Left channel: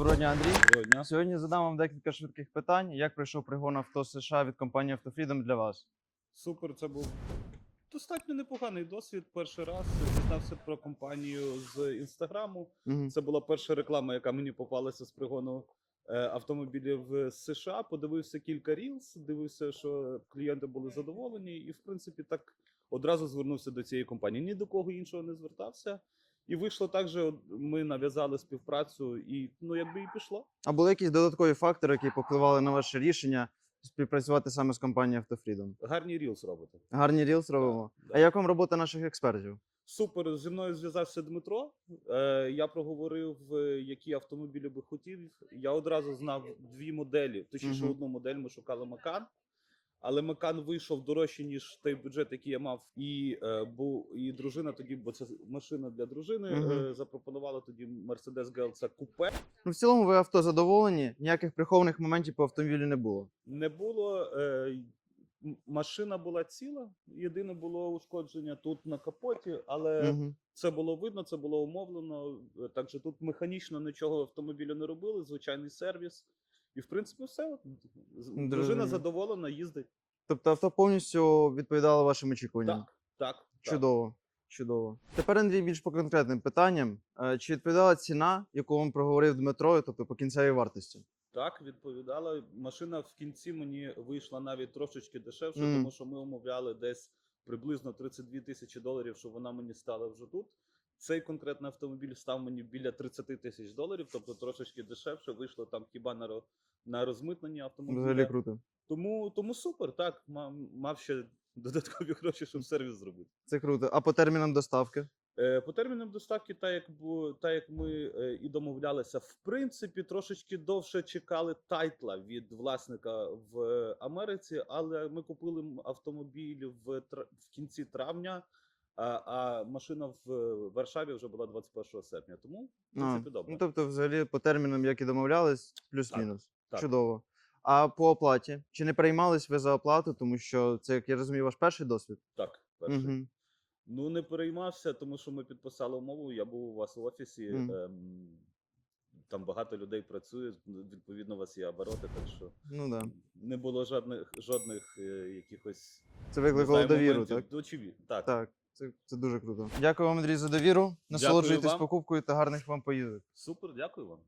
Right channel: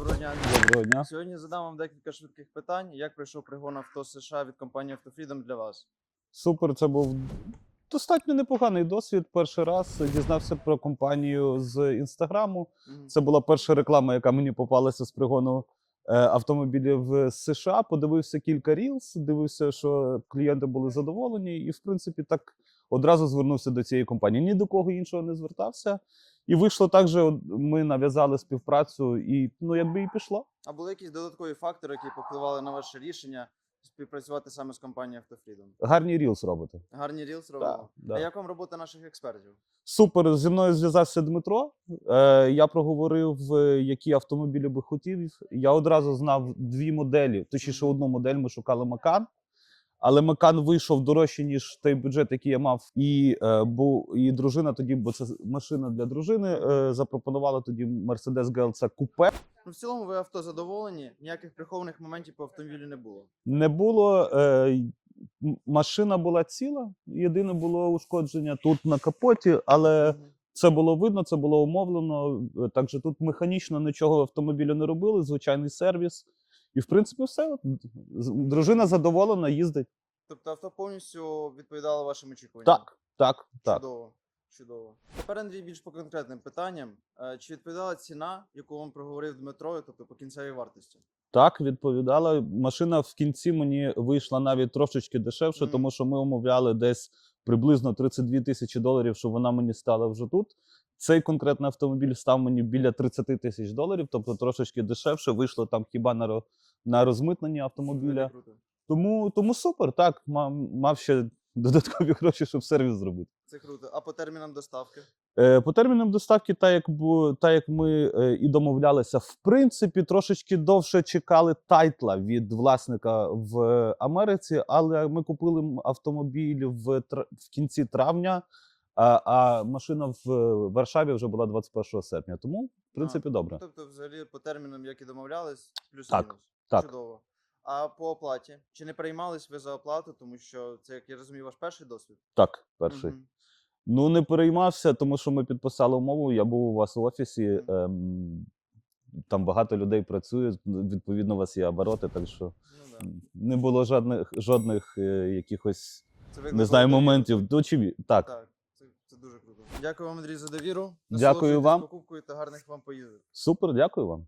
Доброго дня. Доброго дня. Сьогодні задам вам декілька швидких питань. Як пройшов пригон авто США від компанії Автофрідом для вас? Супер, це був достатньо непоганий досвід. Перший раз дізнався про компанію з інстаграму. Це була перша реклама, яка мені попалася з пригону е, автомобілів з США. Подивився кілька рілс, дивився, що клієнти були задоволені, і в принципі так одразу звернувся до цієї компанії. Ні до кого іншого не звертався. І вийшло так, що ми нав'язали співпрацю, і ну якби і пішло. А були якісь додаткові фактори, які повпливали на ваше рішення співпрацювати саме з компанією Автофрідом? Гарні рілс робите. Гарні рілс робимо. да. А як вам робота наших експертів? Супер, зі мною зв'язався Дмитро. Е, я проговорив, е, які автомобілі би хотів. Я одразу знав дві моделі. Точніше, Мгм. одну модель ми шукали Макан. Але Макан вийшов дорожче, ніж той бюджет, який я мав. І, е, бо, і дружина тоді, бо це машина для дружини, Мгм. е, запропонувала тоді Mercedes GLC купе. Ну, в цілому ви авто задоволені, ніяких прихованих моментів по автомобілю не було. Не було. Е, м- машина була ціла. Єдине було ушкодження тут на капоті, але. Мгм. Це було видно, це було умовлено. е, Так що тут механічно нічого автомобілю не робили, звичайний сервіс. І в принципі все. От, Дружина задоволена, їздить. Тобто авто повністю відповідало вашим очікуванням? Так, так, так. Чудово. Чудово. Тепер, Андрій, більш по конкретним питанням. Е, Чи відповідала ціна, яку вам проговорив Дмитро, тобто по кінцевій вартості? Так, відповідала. Машина в кінці мені вийшла навіть трошечки дешевше, Мгм. тому що ми умовляли десь приблизно 32 тисячі доларів, щоб вона мені стала вже тут. Цей конкретний автомобіль став мені біля 30 тисяч доларів, тобто трошечки дешевше. Вийшло там хіба на, на розмитнення автомобіля. Круто. Тому, тому супер, так. Мав, мав ще додаткові гроші, щоб сервіс зробити. Це круто. А по термінам доставки? Е, по термінам доставки, так як, бу- та як ми е, і домовлялися, в принципі, трошечки довше чекали тайтла від власника в Америці, але ми купили автомобіль в, в кінці травня, а, а машина в Варшаві вже була 21 серпня. Тому, в принципі, А, добре. Ну, тобто, взагалі, по термінам, як і домовлялись, плюс-мінус. так. Чудово. А по оплаті? Чи не переймались ви за оплату, тому що це, як я розумію, ваш перший досвід? Так, перший. Мгм. Ну, не переймався, тому що ми підписали умову. Я був у вас в офісі. Мгм. Ем, там багато людей працює, відповідно, у вас є обороти, так що Ну да. не було жодних жодних е, якихось Це не знаю моментів. Так? Ну, чи так. так. Це, це дуже круто. Дякую вам, Андрій, за довіру. Дякую Насолоджуйтесь вам. покупкою та гарних вам поїздок. Супер, дякую вам.